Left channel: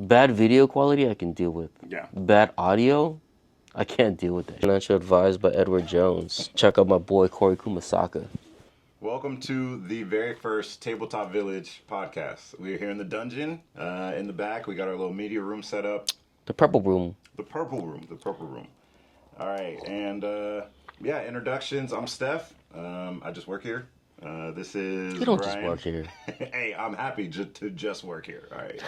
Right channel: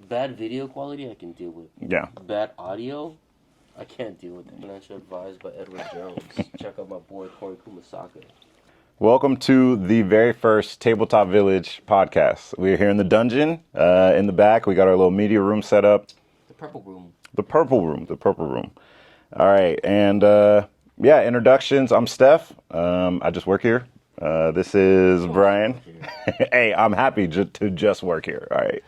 Bad video quality, I can deal with. Yeah. Bad audio, I can't deal with that. Financial advice by Edward Jones. Check out my boy Corey Kumasaka. Welcome to the very first Tabletop Village podcast. We're here in the dungeon. In the back, we got our little media room set up. The purple room. The purple room. All right, and introductions. I'm Steph. I just work here. This is Brian. Just work here. Hey, I'm happy to just work here. All right.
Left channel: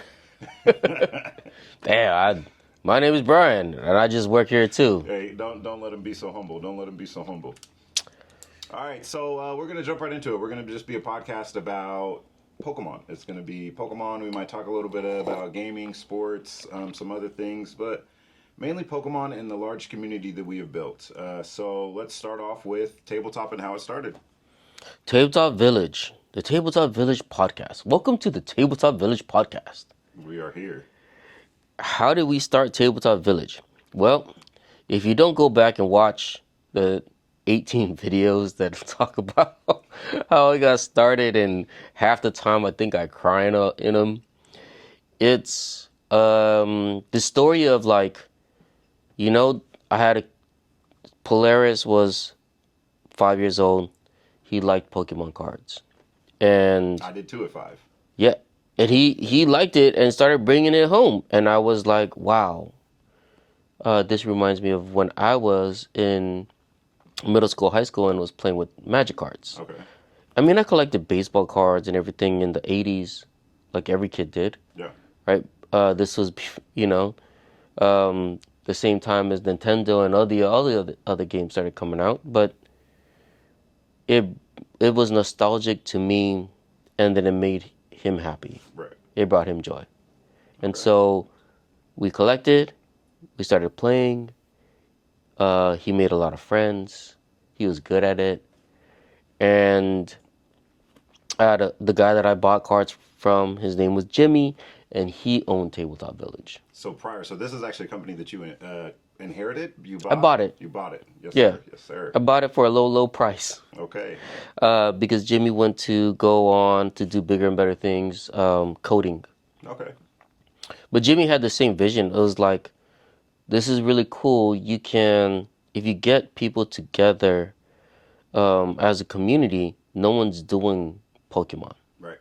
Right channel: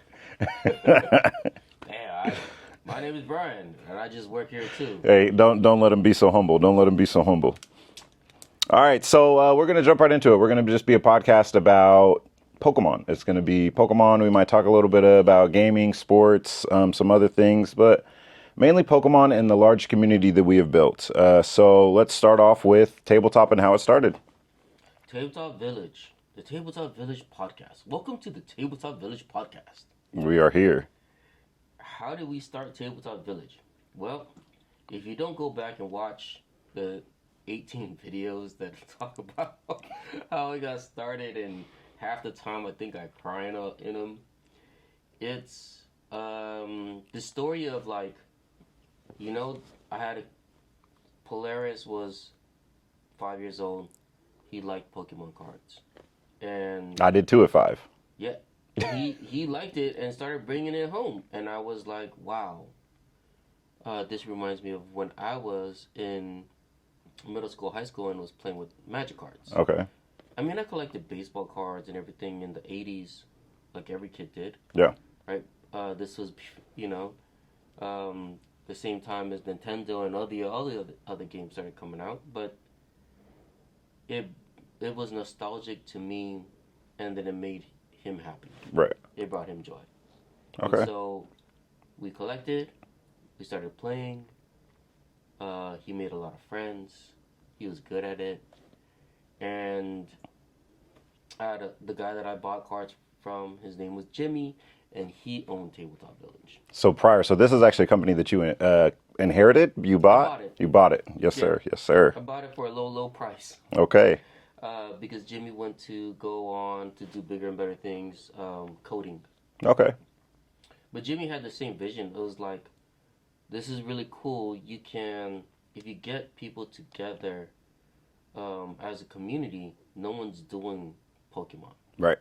Damn, my name is Brian, and I just work here too. Hey, don't let him be so humble. Don't let him be so humble. All right, so we're going to jump right into it. We're going to just be a podcast about Pokemon. It's going to be Pokemon. We might talk a little bit about gaming, sports, some other things, but mainly Pokemon and the large community that we have built. So let's start off with Tabletop and how it started. Tabletop Village, the Tabletop Village podcast. Welcome to the Tabletop Village podcast. We are here. How did we start Tabletop Village? Well, if you don't go back and watch the 18 videos that talk about how I got started, and half the time I think I cry in them. It's the story of I had Polaris was 5 years old. He liked Pokemon cards, and I did too at 5. Yeah, and he liked it and started bringing it home, and I was like, wow. This reminds me of when I was in middle school, high school, and was playing with Magic cards. Okay. I mean, I collected baseball cards and everything in the 80s, like every kid did. Yeah. Right? This was, the same time as Nintendo and all the other games started coming out. But it was nostalgic to me, and then it made him happy. Right. It brought him joy. Okay. And so we collected, we started playing. He made a lot of friends. He was good at it. And I had the guy that I bought cards from, his name was Jimmy, and he owned Tabletop Village. So this is actually a company that you inherited? You bought? I bought it. You bought it. Yes, sir. Yes, sir. I bought it for a low price. Okay. Because Jimmy went to go on to do bigger and better things, coding. Okay. But Jimmy had the same vision. It was like, this is really cool. You can, if you get people together as a community, no one's doing Pokemon. Right.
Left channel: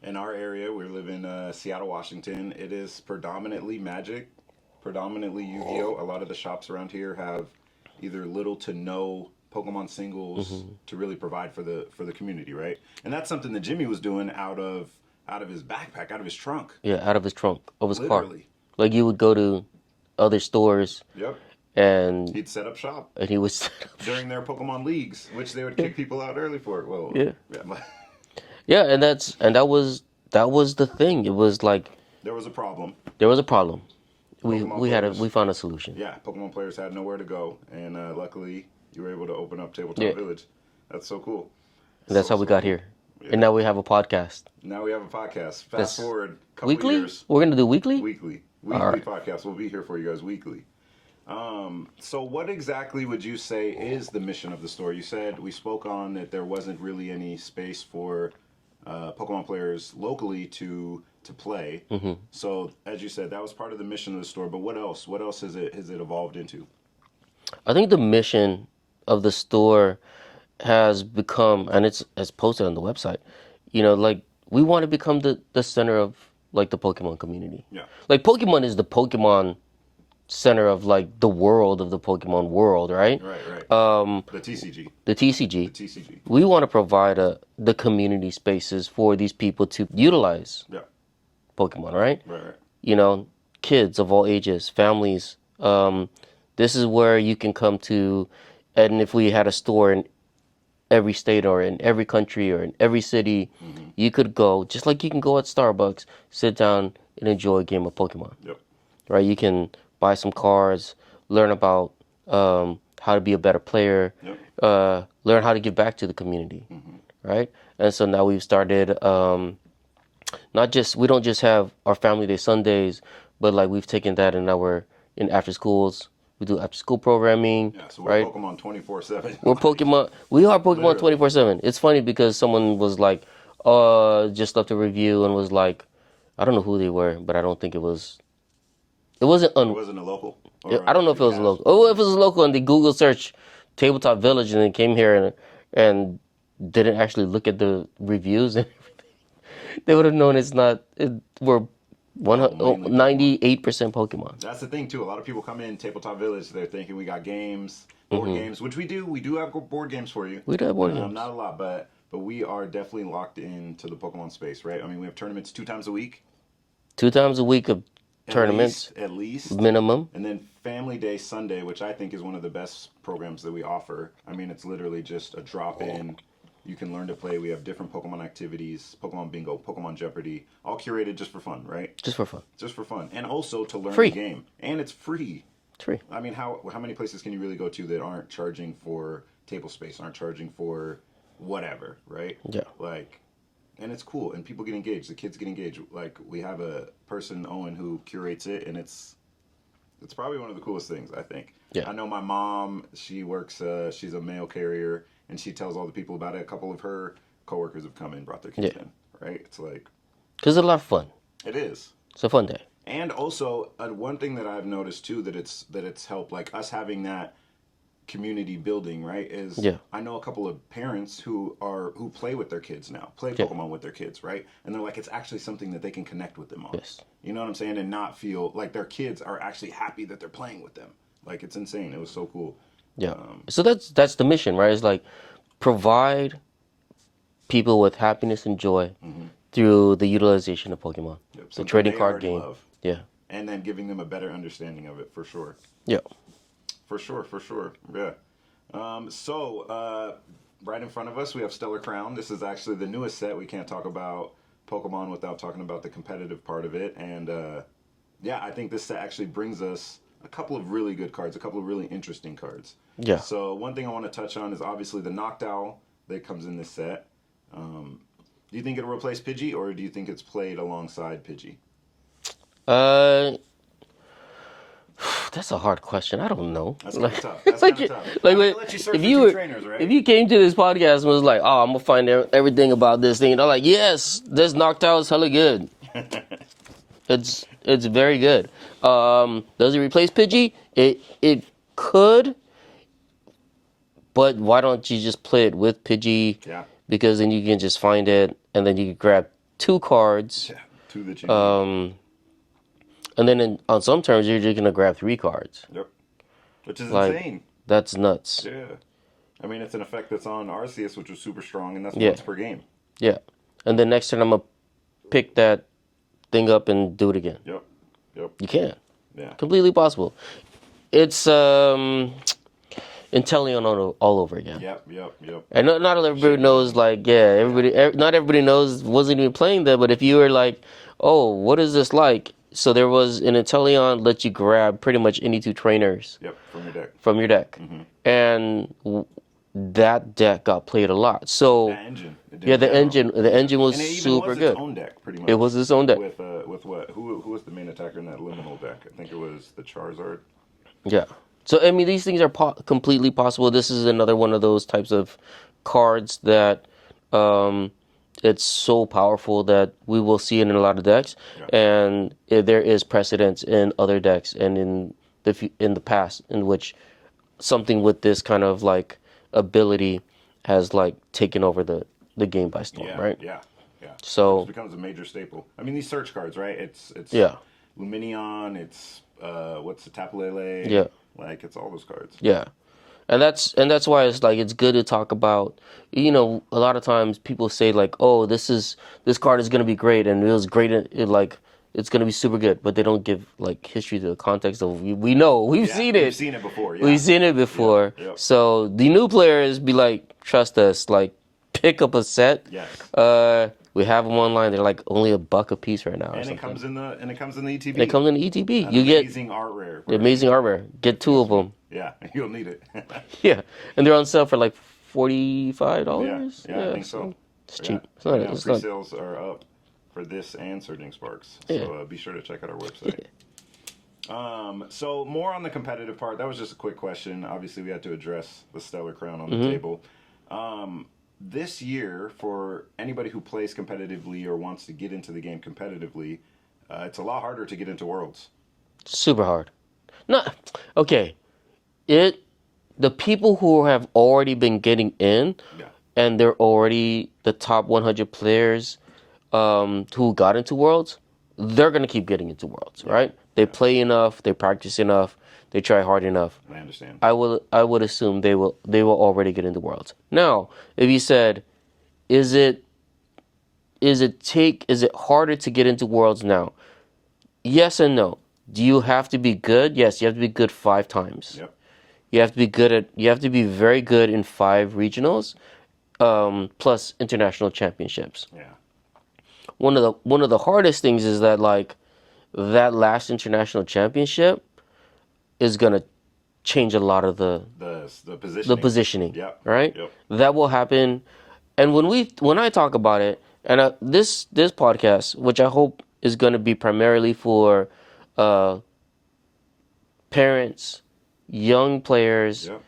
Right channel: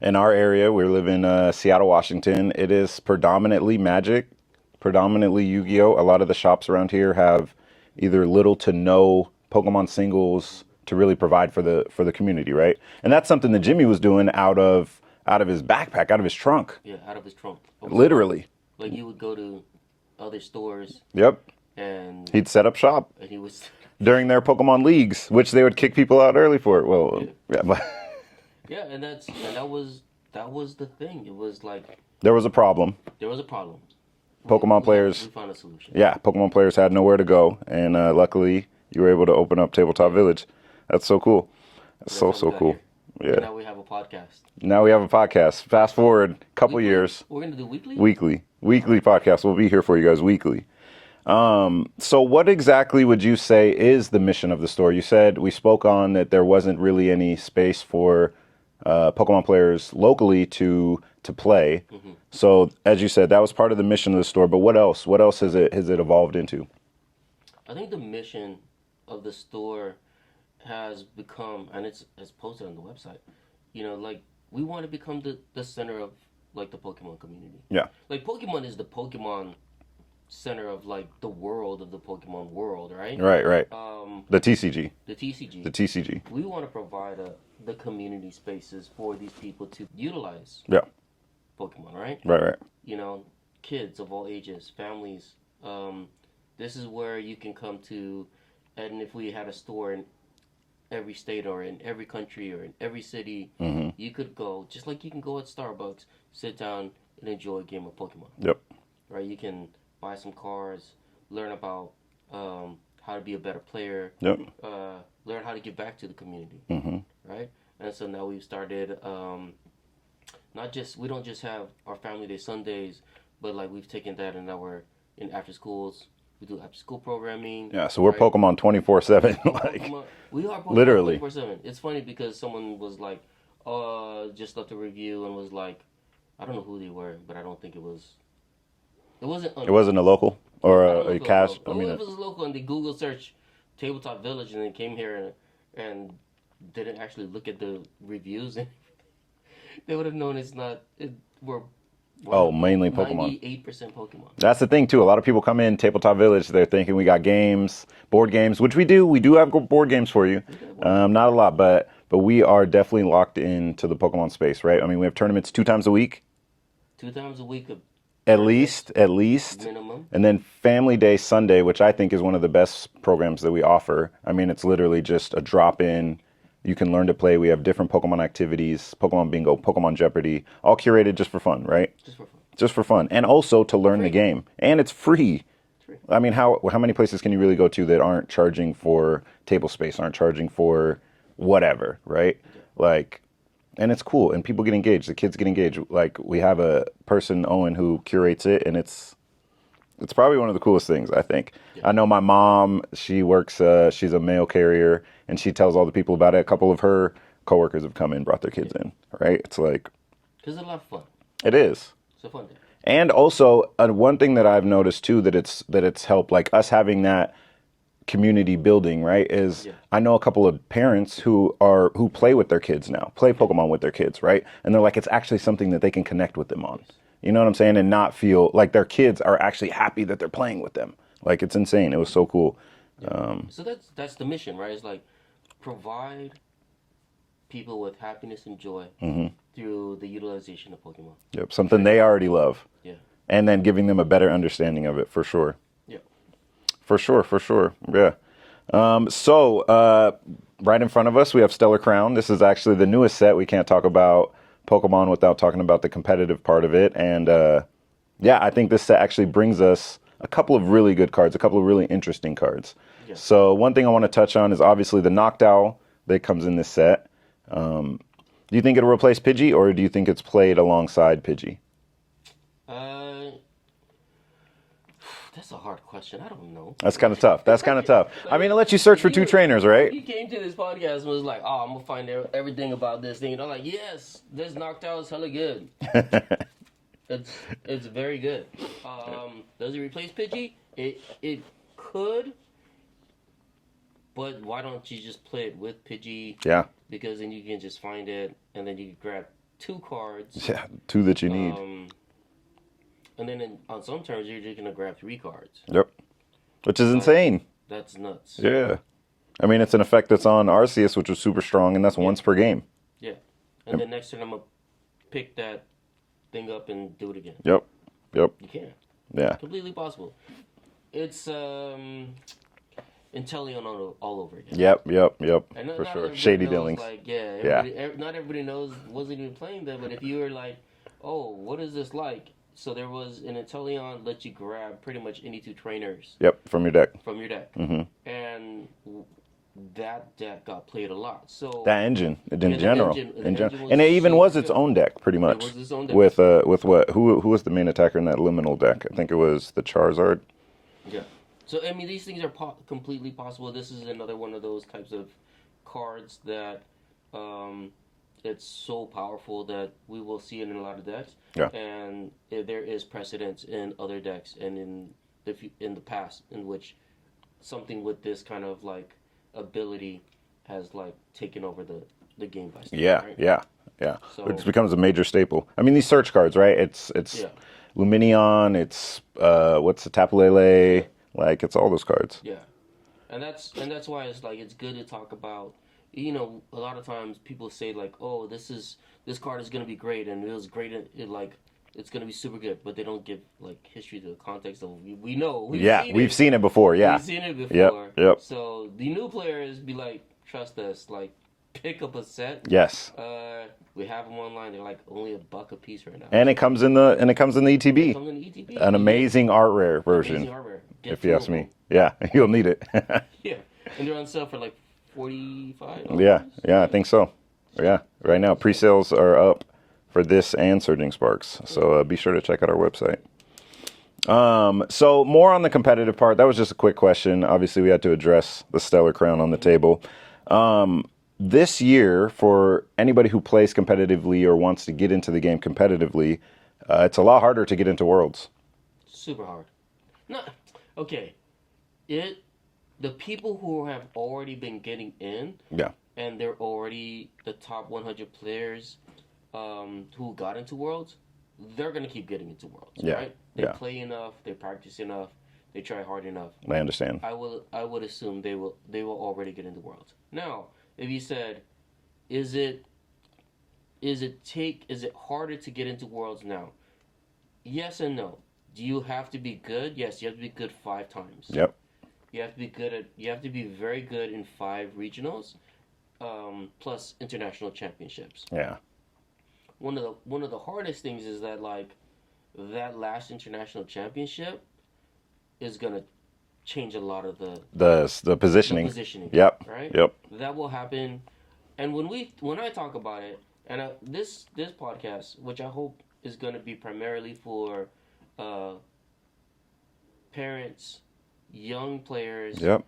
In our area, we live in Seattle, Washington. It is predominantly Magic, predominantly Yu-Gi-Oh! A lot of the shops around here have either little to no Pokemon singles to really provide for the community, right? And that's something that Jimmy was doing out of his backpack, out of his trunk. Yeah, out of his trunk. Of his Literally. car. Like you would go to other stores. Yep. And he'd set up shop. And he was during their Pokemon leagues, which they would kick people out early for. Well, yeah, but yeah, and that was the thing. It was like there was a problem. Pokemon players. We found a solution. Yeah, Pokemon players had nowhere to go, and luckily you were able to open up Tabletop Village. That's so cool. That's how we got here. Yeah. And now we have a podcast. Fast forward a couple years. We're gonna do weekly. Weekly podcast. We'll be here for you guys weekly. So what exactly would you say is the mission of the store? You said we spoke on that there wasn't really any space for Pokemon players locally to play. Mm-hmm. So as you said, that was part of the mission of the store. But what else? What else has it evolved into? I think the mission of the store has become, and it's posted on the website, we want to become the center of the Pokemon community. Yeah. Pokemon is the Pokemon center of the world of the Pokemon world, right? Right. The TCG. We want to provide the community spaces for these people to utilize. Yeah. Pokemon, right? Right. Kids of all ages, families. This is where you can come to, and if we had a store in every state or in every country or in every city, you could go, just like you can go at Starbucks, sit down and enjoy a game of Pokemon. Yep. Right? You can buy some cards, learn about how to be a better player, learn how to give back to the community, right? And so now we've started, we don't just have our Family Day Sundays, but we've taken that and now we're in after schools. We do after school programming. Yeah, so we're Pokemon 24/7. We're Pokemon. We are Pokemon 24/7. It's funny because someone was just left a review and was like, I don't know who they were, but I don't think it was. It wasn't. It wasn't a local Yeah, or I don't know a if it was cast. local. Oh, if it was local and they Google search Tabletop Village and then came here and didn't actually look at the reviews and they would have known it's not. We're Mainly Pokemon. 98% Pokemon. That's the thing too. A lot of people come in Tabletop Village. They're thinking we got games, board games, which we do. We do have board games for you. We do have board games. Not a lot, but we are definitely locked into the Pokemon space, right? I mean, we have tournaments 2 times a week, 2 times a week of at tournaments least, minimum. and then Family Day Sunday, which I think is one of the best programs that we offer. I mean, it's literally just a drop in. You can learn to play. We have different Pokemon activities, Pokemon Bingo, Pokemon Jeopardy, all curated just for fun, right? Just for fun. Just for fun, and also to learn Free. the game, and it's free. It's free. I mean, how many places can you really go to that aren't charging for table space, aren't charging for whatever, right? Yeah. Like, and it's cool, and people get engaged. The kids get engaged. Like, we have a person, Owen, who curates it, and it's probably one of the coolest things, I think. Yeah. I know my mom, she works, she's a mail carrier, and she tells all the people about it. A couple of her coworkers have come in, brought their kids in, right? It's like, Because it's a lot of fun. it is. It's a fun day. And also, one thing that I've noticed too that it's helped, like us having that community building, right? Is I know a couple of parents who play with their kids now, play Pokemon with their kids, right? And they're like, it's actually something that they can connect with them on. Yes. You know what I'm saying? And not feel like their kids are actually happy that they're playing with them. Like, it's insane. It was so cool. Yeah. So that's the mission, right? It's like provide people with happiness and joy through the utilization of Pokemon. Yep. Something they already love. Yeah. And then giving them a better understanding of it, for sure. Yeah. For sure. Yeah. Right in front of us, we have Stellar Crown. This is actually the newest set. We can't talk about Pokemon without talking about the competitive part of it. And I think this set actually brings us a couple of really good cards, a couple of really interesting cards. Yeah. So one thing I want to touch on is obviously the Noctowl that comes in this set. Do you think it'll replace Pidgey, or do you think it's played alongside Pidgey? That's a hard question. I don't know. That's kind of tough. That's kind of tough. I'm going to let you search for two trainers, right? If you came to this podcast and was like, oh, I'm going to find everything about this thing, and I'm like, yes, this Noctowl is hella good. It's very good. Does it replace Pidgey? It could, but why don't you just play it with Pidgey? Yeah. Because then you can just find it, and then you can grab 2 cards. Yeah, 2 that you need. And then on some terms, you're just going to grab 3 cards. Yep. Which is insane. That's nuts. Yeah. I mean, it's an effect that's on Arceus, which was super strong, and that's once per game. Yeah. And then next turn, I'm going to pick that thing up and do it again. Yep. You can. Yeah. Completely possible. It's Inteleon all over again. Yep. And not everybody knows, not everybody knows, wasn't even playing that, but if you were like, oh, what is this like? So there was an Inteleon let you grab pretty much any 2 trainers. Yep, from your deck. Mm-hmm. And that deck got played a lot. So that engine. The engine was, and it even was its good. own deck, pretty much. It was its own deck with what? Who was the main attacker in that Liminal deck? I think it was the Charizard. Yeah. So I mean, these things are completely possible. This is another one of those types of cards that it's so powerful that we will see it in a lot of decks, and there is precedence in other decks and in the past in which something with this kind of like ability has like taken over the game by storm. Right? Yeah. So it becomes a major staple. I mean, these search cards, right? It's Luminion. It's what's the Tapu Lele? Yeah. Like, it's all those cards. Yeah, and that's why it's like it's good to talk about. You know, a lot of times people say like, "Oh, this card is gonna be great," and it was great. It's gonna be super good, but they don't give like history to the context of we know we've seen it. We've seen it before. Yeah, we've seen it before. Yep. So the new players be like, trust us, like pick up a set. Yes. We have them online. They're like only $1 a piece right now. And it comes in the ETB. It comes in the ETB. An amazing art rare version. Amazing art rare. Get 2 of them. Yeah, you'll need it. Yeah, and they're on sale for like $45. Yeah, I think so. Yeah, right now pre-sales are up for this and Surging Sparks. So be sure to check out our website. So more on the competitive part. That was just a quick question. Obviously, we had to address the Stellar Crown on the table. this year, for anybody who plays competitively or wants to get into the game competitively, it's a lot harder to get into Worlds. Super hard. Not okay. The people who have already been getting in, Yeah. and they're already the top 100 players who got into Worlds, they're gonna keep getting into Worlds, right? They play enough, they practice enough, they try hard enough. I understand. I would assume they will already get into Worlds. Now, if you said, is it harder to get into Worlds now? Yes and no. Do you have to be good? Yes, you have to be good 5 times. Yep. You have to be very good in 5 regionals, plus international championships. Yeah. One of the hardest things is that like that last international championship is gonna change a lot of the positioning. the positioning. Yep. Right. Yep. That will happen, and when I talk about it, and this podcast, which I hope is gonna be primarily for parents, young players. Yep.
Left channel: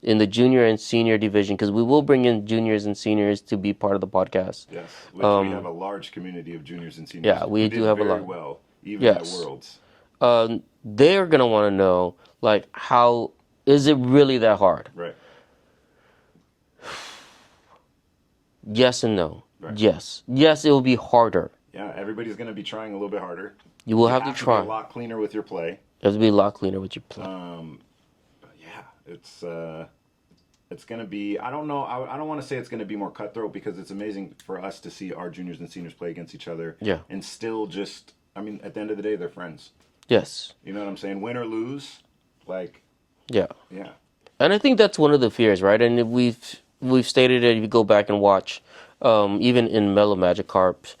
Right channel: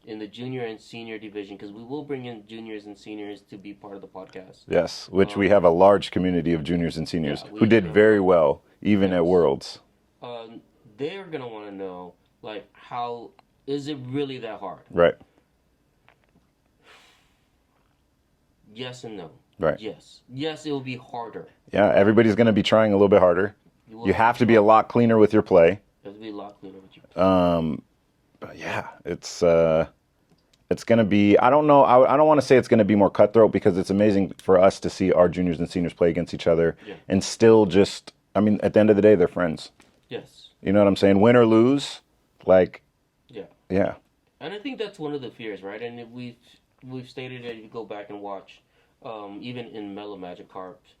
In the junior and senior division, because we will bring in juniors and seniors to be part of the podcast. Yes, which we have a large community of juniors and seniors we who do did have a very lot. well, even at Yes. Worlds. They're gonna want to know, like, how is it really that hard? Right. Yes and no. Right. Yes, it will be harder. Yeah, everybody's going to be trying a little bit harder. You will have to be a lot cleaner with your play. You have to be a lot cleaner with your play. But yeah, it's going to be, I don't know, I don't want to say it's going to be more cutthroat, because it's amazing for us to see our juniors and seniors play against each other. Yeah. And still just, I mean, at the end of the day, they're friends. Yes. You know what I'm saying? Win or lose, like, Yeah. yeah. And I think that's one of the fears, right? And if we've stated it, if you go back and watch, even in Mellow Magikarp,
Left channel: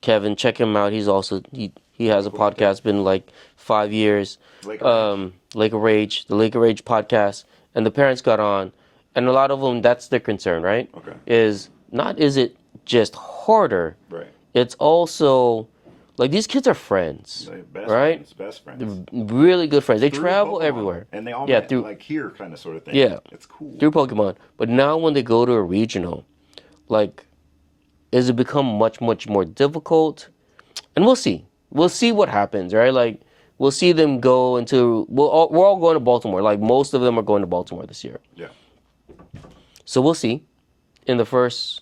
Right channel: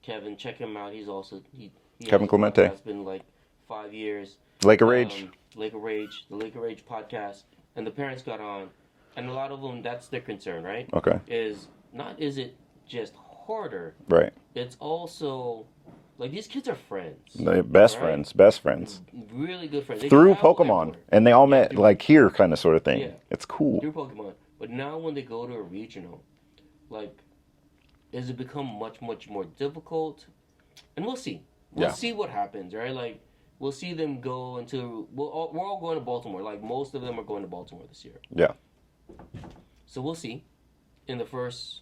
Kevin, check him out. He's also he has a Clemente. podcast, been like 5 years. Lake of Rage. Lake of Rage, the Lake of Rage podcast, and the parents got on, and a lot of them, that's their concern, right? Okay. Is it just harder? Right. It's also like these kids are friends, They're best right? friends. Really good friends. They Through travel Pokemon. everywhere, And they all met through- like here kind of sort of thing. Yeah. It's cool. through Pokemon. But now when they go to a regional, like, is it become much more difficult? And we'll see. We'll see what happens, right? Like, we'll see them go into. We're all going to Baltimore. Like, most of them are going to Baltimore this year. Yeah. So we'll see. In the first,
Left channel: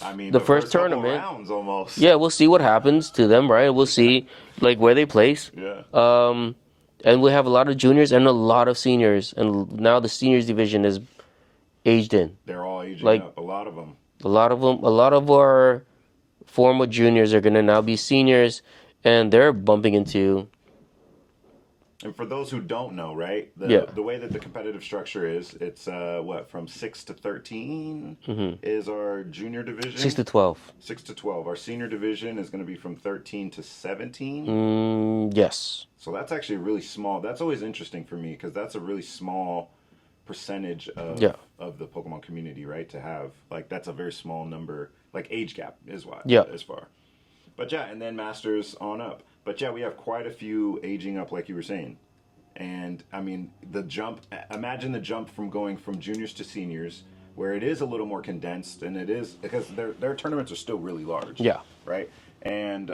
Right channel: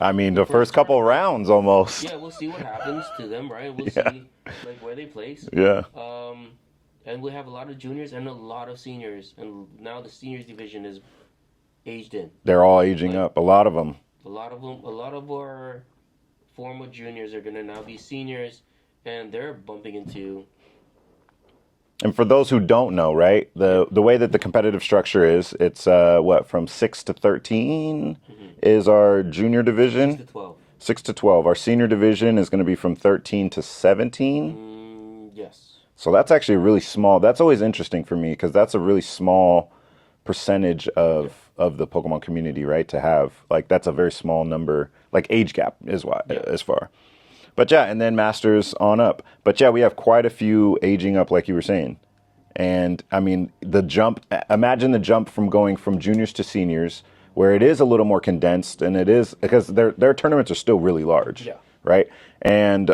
I mean, the first first couple tournament. rounds almost. yeah, we'll see what happens to them, right? We'll see like where they place. Yeah. And we have a lot of juniors and a lot of seniors, and now the seniors division is aged in. They're all aging like- up. A lot of them. A lot of our former juniors are going to now be seniors, and they're bumping into. And for those who don't know, right, the way that the competitive structure is, it's from 6 to 13 is our junior division. 6 to 12. 6 to 12. Our senior division is going to be from 13 to 17. Yes. So that's actually really small. That's always interesting for me, because that's a really small percentage of the Pokemon community, right? To have, like, that's a very small number. Like, age gap is why as far. But yeah, and then Masters on up. But yeah, we have quite a few aging up, like you were saying. And I mean, imagine the jump from going from juniors to seniors, where it is a little more condensed, and it is because their tournaments are still really large. Yeah. Right. And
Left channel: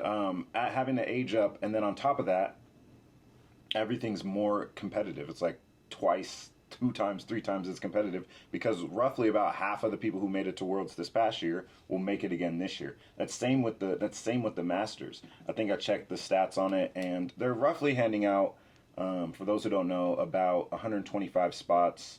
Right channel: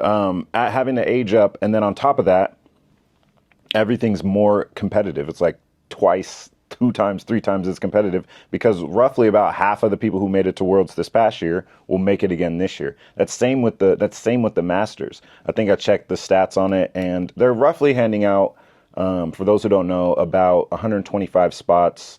having to age up, and then on top of that, everything's more competitive. It's like twice, 2 times, 3 times as competitive, because roughly about half of the people who made it to Worlds this past year will make it again this year. That's same with the Masters. I think I checked the stats on it, and they're roughly handing out, for those who don't know, about 125 spots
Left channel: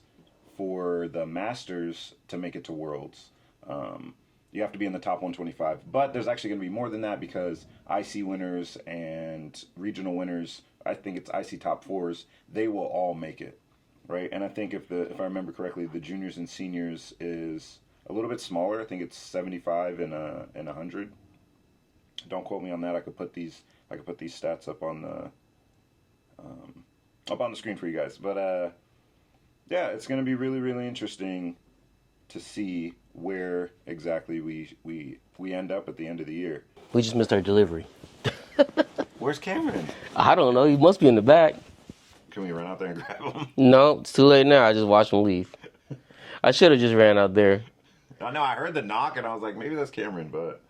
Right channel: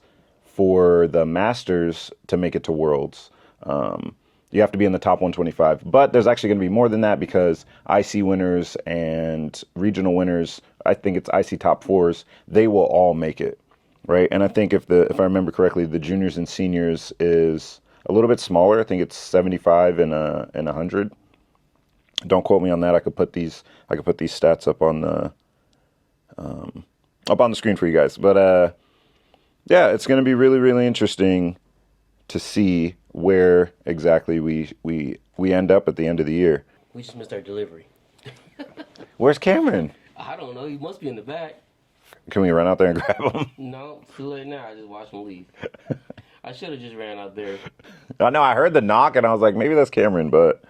for the Masters to make it to Worlds. You have to be in the top 125, but there's actually going to be more than that, because IC winners and regional winners, I think it's IC top 4s, they will all make it. Right, and I think if I remember correctly, the juniors and seniors is a little bit smaller. I think it's 75 and 100. Don't quote me on that. I could put these stats up on the screen for you guys. But yeah, it's going to be really, really interesting to see where exactly we end up at the end of the year. We just missed our delivery. Where's Cameron? I don't know. He must be in the back. Can we run out there and grab him? No, it's too late now. I just watched him leave. I should have just ran out there. I know I heard the knock and I was like, maybe that's Cameron, but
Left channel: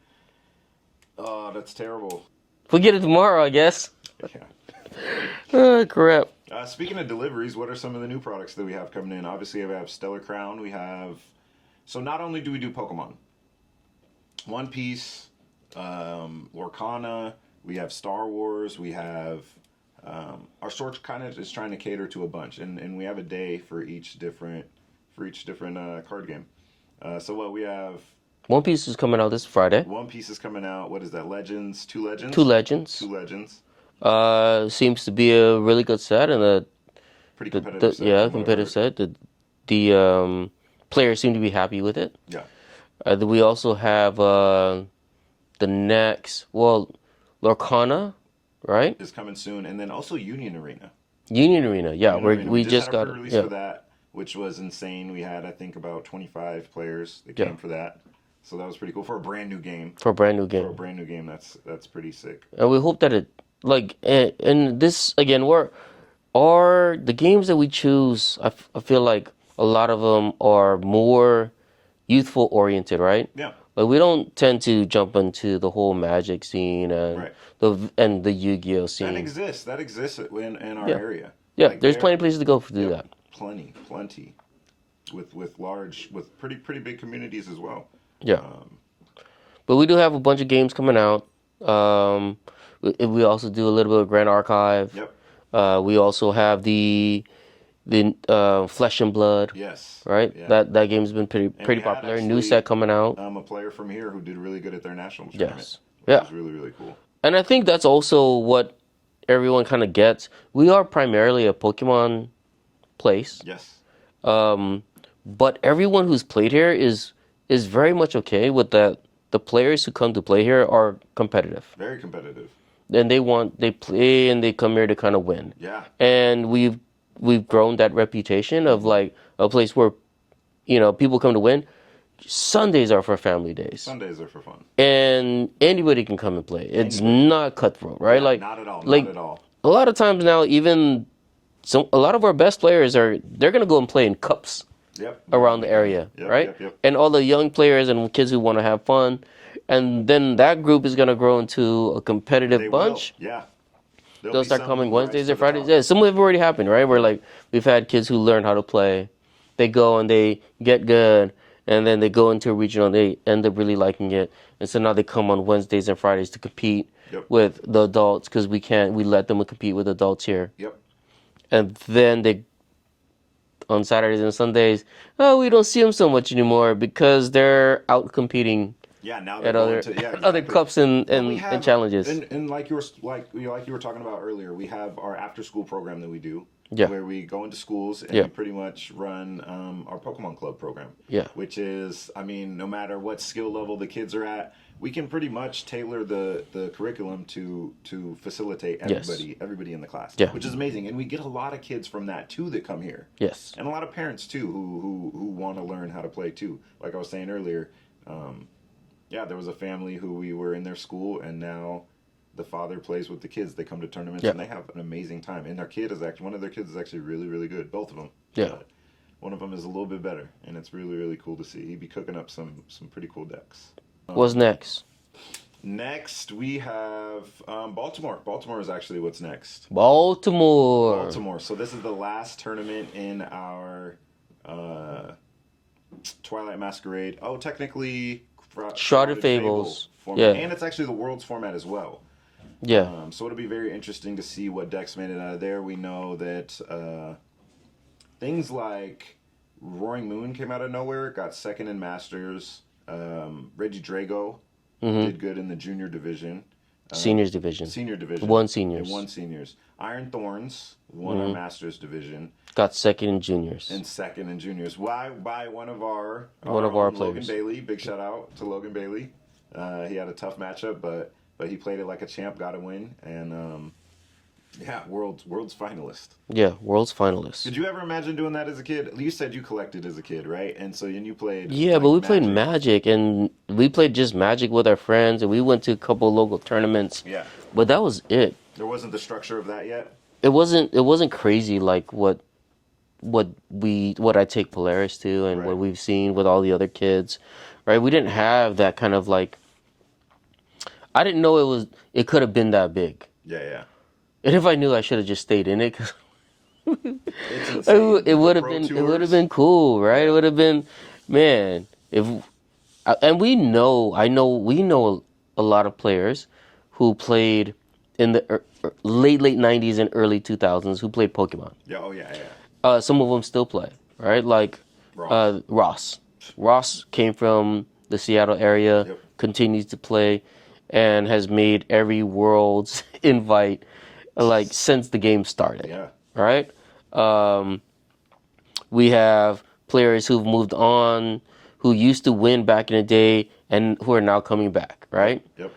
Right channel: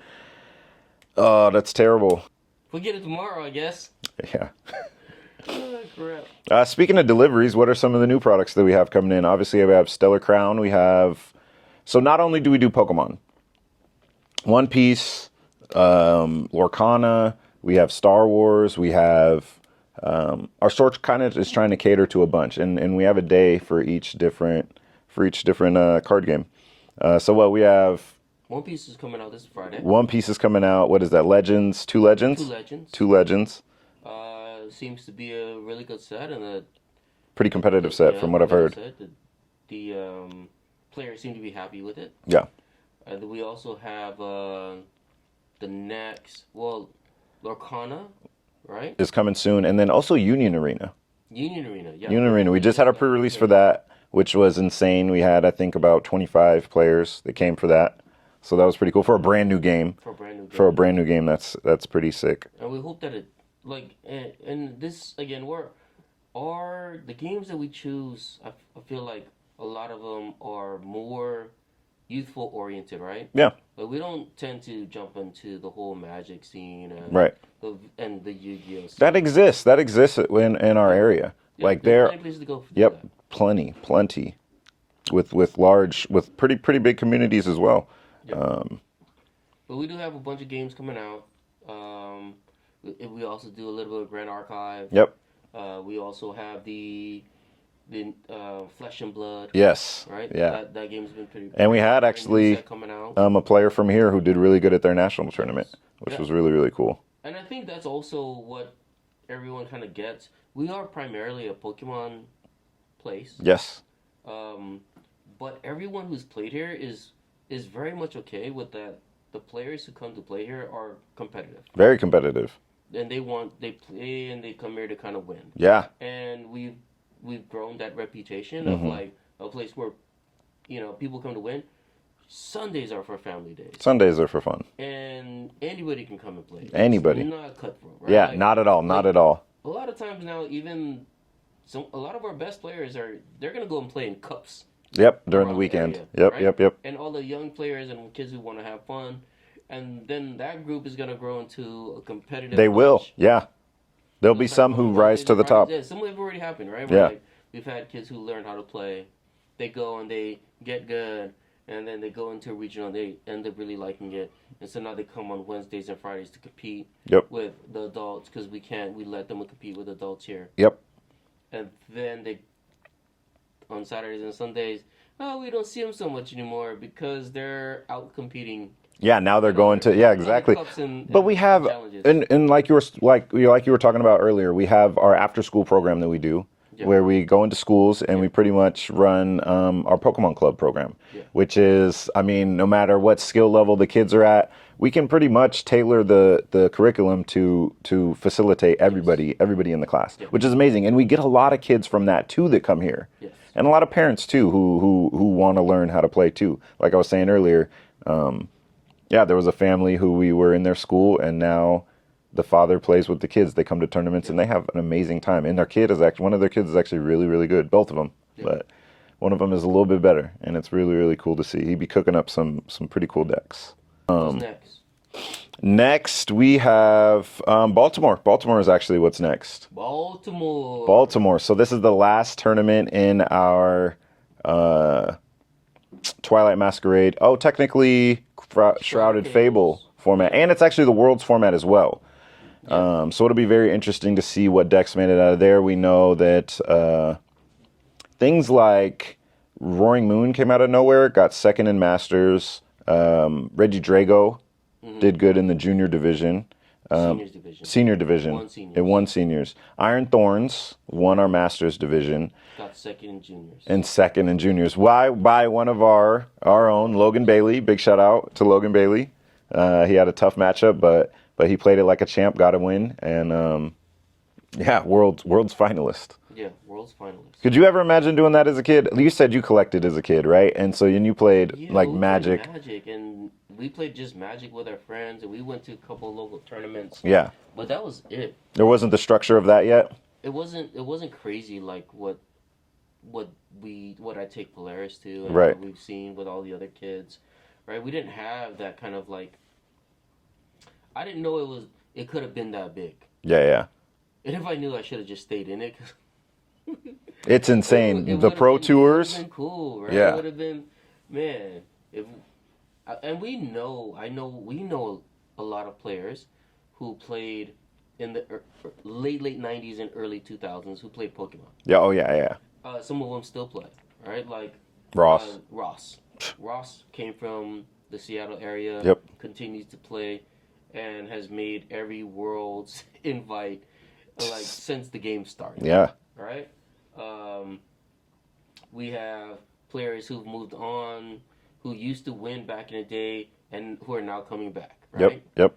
oh, that's terrible. We'll get it tomorrow, I guess. Yeah. Oh, crap. Speaking of deliveries, what are some of the new products that we have coming in? Obviously, we have Stellar Crown. We have. So not only do we do Pokemon, One Piece, Lorcana. We have Star Wars. We have our store kind of is trying to cater to a bunch, and we have a day for each different card game. So what we have. One Piece is coming out this Friday. One Piece is coming out. What is that? Legends? Two Legends? Two Legends. Two Legends. Seems to be a really good set and a pretty competitive set from what I've heard. Set. The players seem to be happy with it. Yeah. We also have the next, Lorcana, right? Is coming soon, and then also Union Arena. Union Arena, yeah. Union Arena. We just had a pre-release for that, which was insane. We had, I think, about 25 players that came for that. So that was pretty cool for a brand new game. For a brand new game, that's pretty sick. And we hope that it and this again, the games that we choose. I feel like a lot of them are more youthful oriented, right? Yeah. Like we don't tend to jump into the whole Magic scene and the Yu-Gi-Oh scene. That exists in our area. Yeah, like there's plenty of places to go do that. Plenty, with pretty big communities as well. Yeah. But we do have a bunch of games coming out. We also do a little bit of Grand Archive. Yep. We also have the Flesh and Blood. Yes. Right? Yeah. That game's been pretty and we popular. had actually new set coming out. A player from here who did really good at their national tournament, which was really, really cool. And I think that's also what everyone kind of gets. We are primarily a Pokemon place. Yes. But everyone who's played here is very much okay with that. The players who come to play here are competitive. Very competitive. And they play and they come here to kind of win. Yeah. And we've grown that reputation of like a place where, people come to win. Sundays are for family days. Sundays are for fun. And anybody can come and play. It's not cutthroat, right? Yeah, not at all. Not at all. A lot of times now, a lot of our best players they're going to go and play in cups. Yep. Around the area, right? Yep. And all the young players and kids who want to have fun, and then that group is going to grow into a competitive bunch. They will, yeah. There'll be some who rise to the top. Yeah, some have already happened, right? Where we've had kids who learn how to play, they go and they get good, and then they go into a regional, and they end up really liking it, and so now they come on Wednesdays and Fridays to compete with the adults because we let them compete with adults here. Yep. And then on Saturdays and Sundays, we don't see them so much anymore because they're out competing. Yeah, now they're going to exactly. Other cups and challenges. And like you were talking about earlier, we have our after school program that we do, where we go into schools and we pretty much run our Pokemon Club program. Yeah. Which is, no matter what skill level the kids are at, we can pretty much tailor the curriculum to facilitate everybody in the class, which is amazing. And we get a lot of kids from that too that come here. Yes. And a lot of parents too who want to learn how to play too. Like I was saying earlier, there was a family who we were in their school, and now the father plays with the kids. They come to tournaments and they have an amazing time. And one of their kids is actually really, really good. Both of them. Yeah. But one of them is a little bit better, and it's really, really cool to see. He'd be cooking up some pretty cool decks. What's next? Next, we have Baltimore. Baltimore is actually what's next. Baltimore. So this is the last tournament in our Twilight Masquerade. Oh, technically Shrouded Fable format. And it's actually the Worlds format as well. Yeah. So it'll be very interesting to see what decks made it out of there. We know that things like Roaring Moon came out of nowhere, got second in Masters. Reggie Drago did good in the junior division. Seniors division. Senior division. Won seniors. It won seniors. Iron Thorns won our Masters division. Got second in juniors. And second in juniors. By one of our own, Logan Bailey. Big shout out to Logan Bailey. He had a tough matchup, but he played it like a champ, got a win, and world's finalist. Yeah, world's finalist. Could you ever imagine doing that as a kid? You said you collected as a kid, right? And so you played but we played Magic, and we played just Magic with our friends, and we went to a couple local tournaments. Yeah. But that was it. There wasn't the structure of that yet? It wasn't crazy like what what I take Polaris to and Right. what we've seen with all the other kids, right? We didn't have that kind of like I didn't know it could have been that big. Yeah, yeah. And if I knew, I should have just stayed in it. 'Cause It's it, insane. it The would have pro been it would have tours. been cool, right? It Yeah. would have been, man. If and we know a lot of players who played in the late 90s and early 2000s who played Pokemon. Yeah. Oh, yeah, yeah. Some of them still play, right? Like Ross. Ross. Ross came from the Seattle area, Yep. continues to play, and has made every Worlds invite like since the game started. Yeah. Right? Um, we have players who've moved on, who used to win back in the day, and who are now coming back. Right? Yep.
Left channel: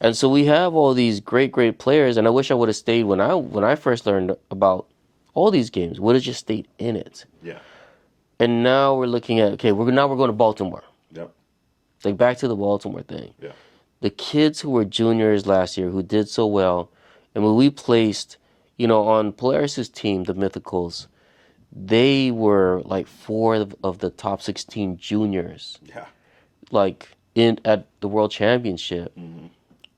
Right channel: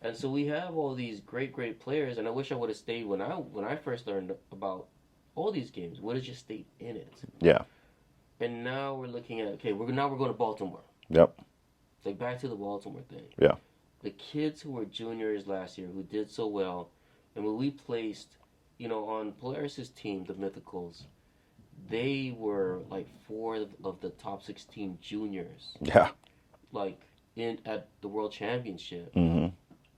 And so we have all these great players, and I wish I would have stayed when I first learned about all these games. Would have just stayed in it. Yeah. And now we're looking at we're going to Baltimore. Yep. Like back to the Baltimore thing. Yeah. The kids who were juniors last year who did so well, and when we placed, on Polaris's team, the Mythicals, they were like 4 of the top 16 juniors, Yeah. like in at the World Championship,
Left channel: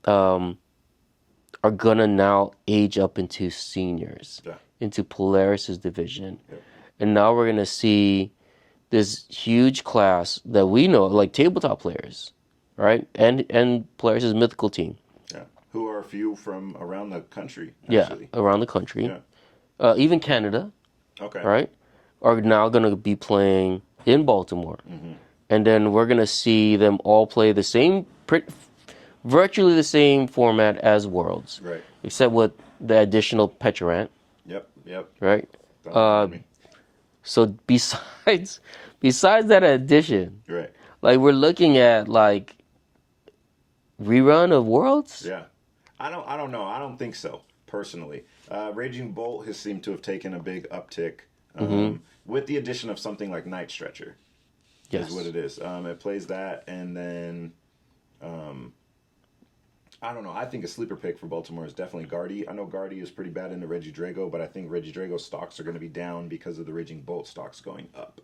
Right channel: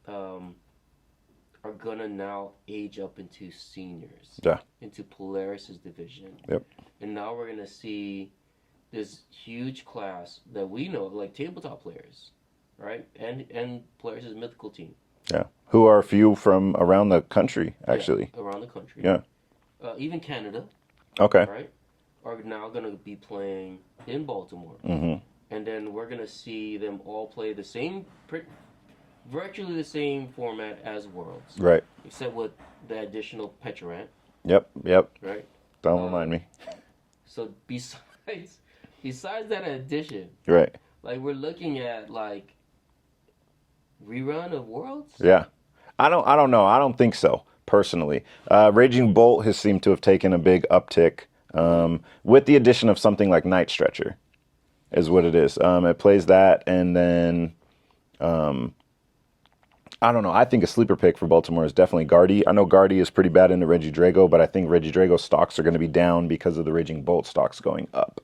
are gonna now age up into seniors, Yeah. into Polaris's division. Yep. And now we're gonna see this huge class that we know, like tabletop players, right? And Polaris's mythical team. Yeah. Who are a few from around the country, actually. Yeah, around the country. Yeah. Even Canada, Okay. right? Are now gonna be playing in Baltimore. And then we're gonna see them all play the same, virtually the same format as Worlds, Right. except with the additional Petrant, Yep. Yep. right? Don't remind me. So besides that addition, Right. like we're looking at like rerun of Worlds. Yeah. I don't know. I don't think so, personally. Raging Bolt has seemed to have taken a big uptick with the addition of something like Night Stretcher, is what it is. It plays that, and then I don't know. I think a sleeper pick for Baltimore is definitely Guardy. I know Guardy is pretty bad in the Regidrago, but I think Regidrago stocks are going to be down because of the Raging Bolt stocks going up.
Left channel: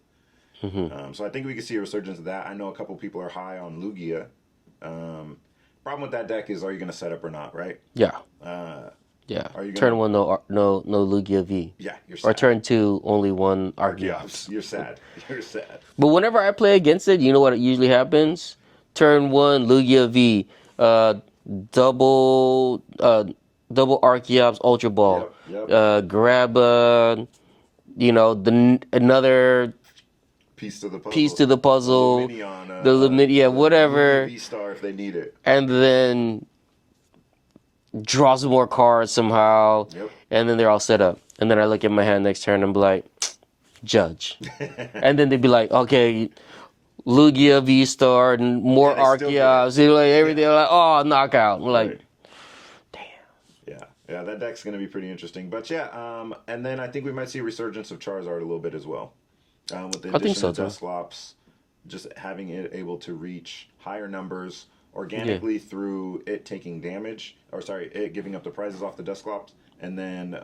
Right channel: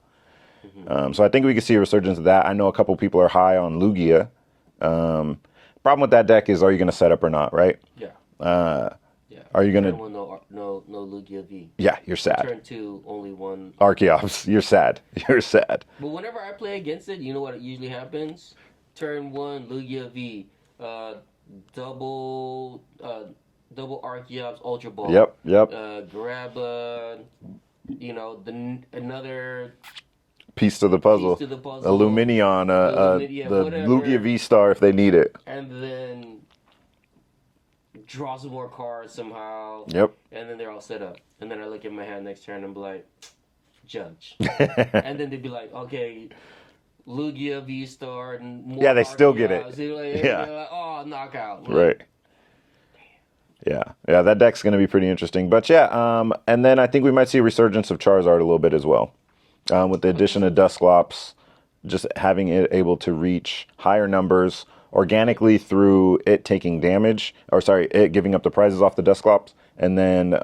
So I think we can see a resurgence of that. I know a couple people are high on Lugia. Problem with that deck is, are you going to set up or not, right? Yeah. Yeah. Are you gonna turn 1 no Lugia V. Yeah, you're Or sad. turn 2 only 1 Archeops, you're sad. You're sad. But whenever I play against it, you know what usually happens? Turn 1 Lugia V, double Archeops Ultra Ball. Yep. Grab another Piece to the puzzle. piece to the puzzle. The Luminion. The whatever. Lugia V-Star if they need it. And then draw some more cards somehow. Yep. And then they're all set up. And then I look at my hand next turn and be like, judge. And then they'd be like, okay, Lugia V-Star and more Yeah, they still get it. Archeops. Like everything. Yeah. Like, oh, knockout. Like, Right. Yeah, that deck's going to be pretty interesting. But yeah, and then I think we might see a resurgence of Charizard a little bit as well. With the addition so of too. Dusclops, just having it able to reach higher numbers organically through it taking damage, it giving up the prizes off the Dusclops, and then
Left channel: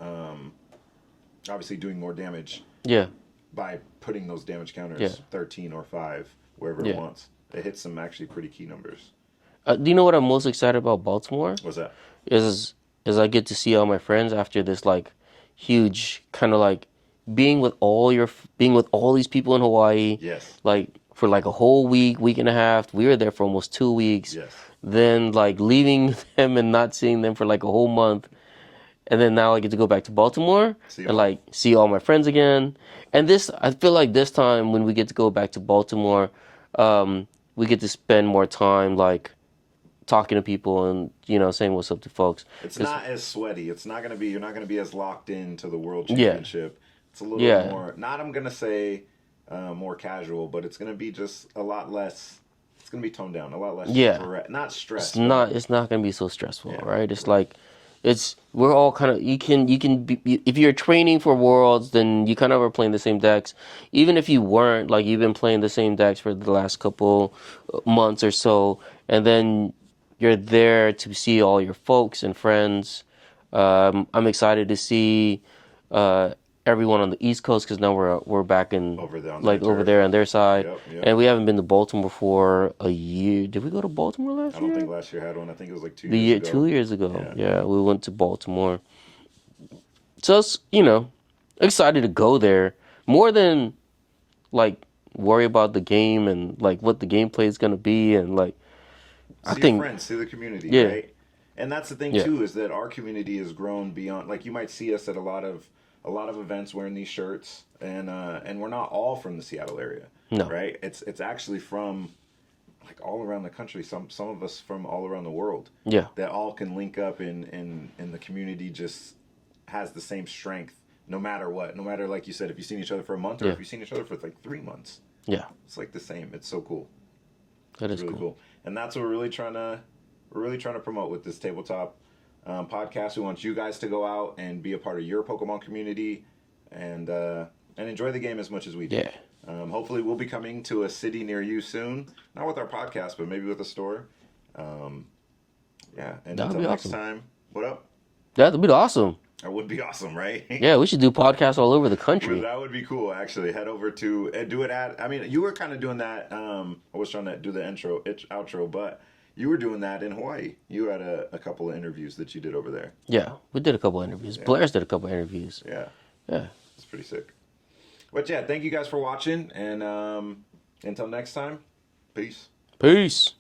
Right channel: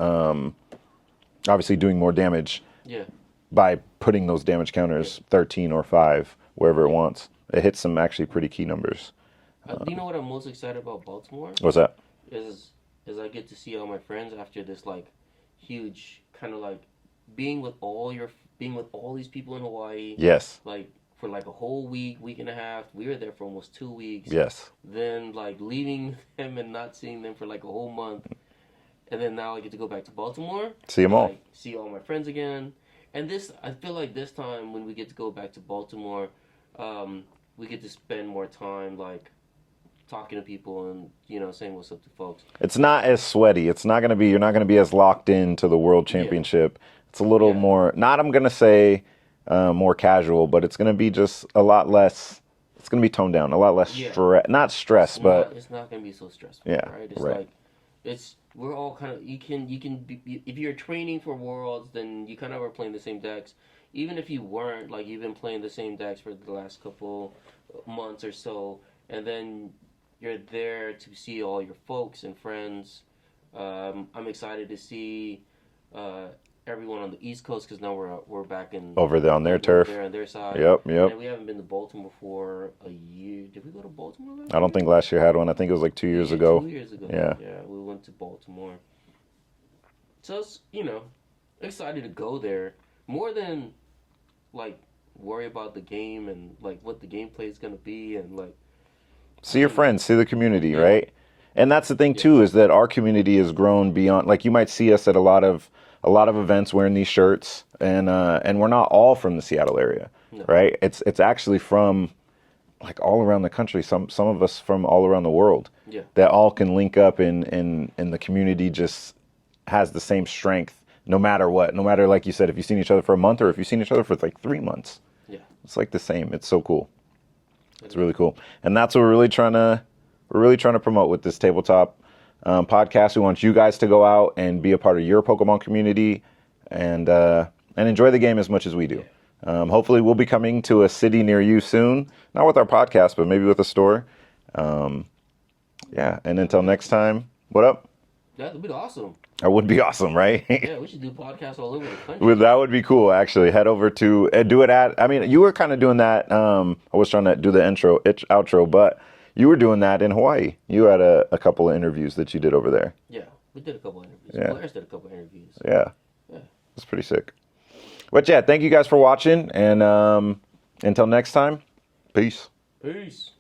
obviously doing more damage Yeah. by putting those damage counters 13 or 5, wherever it wants. It hits some actually pretty key numbers. Do you know what I'm most excited about Baltimore? What's that? Is I get to see all my friends after this like huge kind of like being with all these people in Hawaii. Yes. Like for like a whole week and a half. We were there for almost 2 weeks. Yes. Then like leaving them and not seeing them for like a whole month. And then now I get to go back to Baltimore See 'em and all. like see all my friends again. And I feel like this time when we get to go back to Baltimore, we get to spend more time like talking to people and saying what's up to folks. It's not as sweaty. It's not going to be, you're not going to be as locked into the World Championship. It's a little more, I'm going to say more casual, but it's going to be just a lot less, it's going to be toned down, a lot less, not stress, but It's not going to be so stressful, Yeah, right? It's right. like, we're all kind of, you can be, if you're training for Worlds, then you kind of are playing the same decks. Even if you weren't, like you've been playing the same decks for the last couple months or so, and then you're there to see all your folks and friends. I'm excited to see everyone on the East Coast because now we're back in Over there on their like over turf. there on their side. Yep, yep. And we haven't been to Baltimore for a year. Did we go to Baltimore last year? I don't think last year had one. I think it was like 2 years ago. 2 years ago. Yeah. Yeah, we went to Baltimore. So it's, excited to go there more than like worry about the game and like what the gameplay is gonna be and like See your friends, see the community, Yeah. right? And that's the thing Yeah. too, is that our community has grown beyond. Like you might see us at a lot of events wearing these shirts, and we're not all from the Seattle area, No. right? It's actually from like all around the country. Some of us from all around the world. Yeah. That all can link up, and the community just has the same strength, no matter what. No matter, like you said, if you've seen each other for a month or if you've seen each other for like 3 months. Yeah. It's like the same. It's so cool. That It's is really cool. And that's what we're really trying to promote with this tabletop podcast. We want you guys to go out and be a part of your Pokemon community and enjoy the game as much as we do. Yeah. Hopefully we'll be coming to a city near you soon, not with our podcast, but maybe with a store. Yeah. And until next time, what up? That would be awesome. That would be awesome, right? Yeah, we should do podcasts all over the country. Well, that would be cool, actually. Head over to do it at. I mean, you were kind of doing that. I was trying to do the outro, but you were doing that in Hawaii. You had a couple of interviews that you did over there. Yeah, we did a couple interviews. Yeah. Blair's did a couple interviews. Yeah, Yeah. it's pretty sick. But yeah, thank you guys for watching, and until next time, peace. Peace.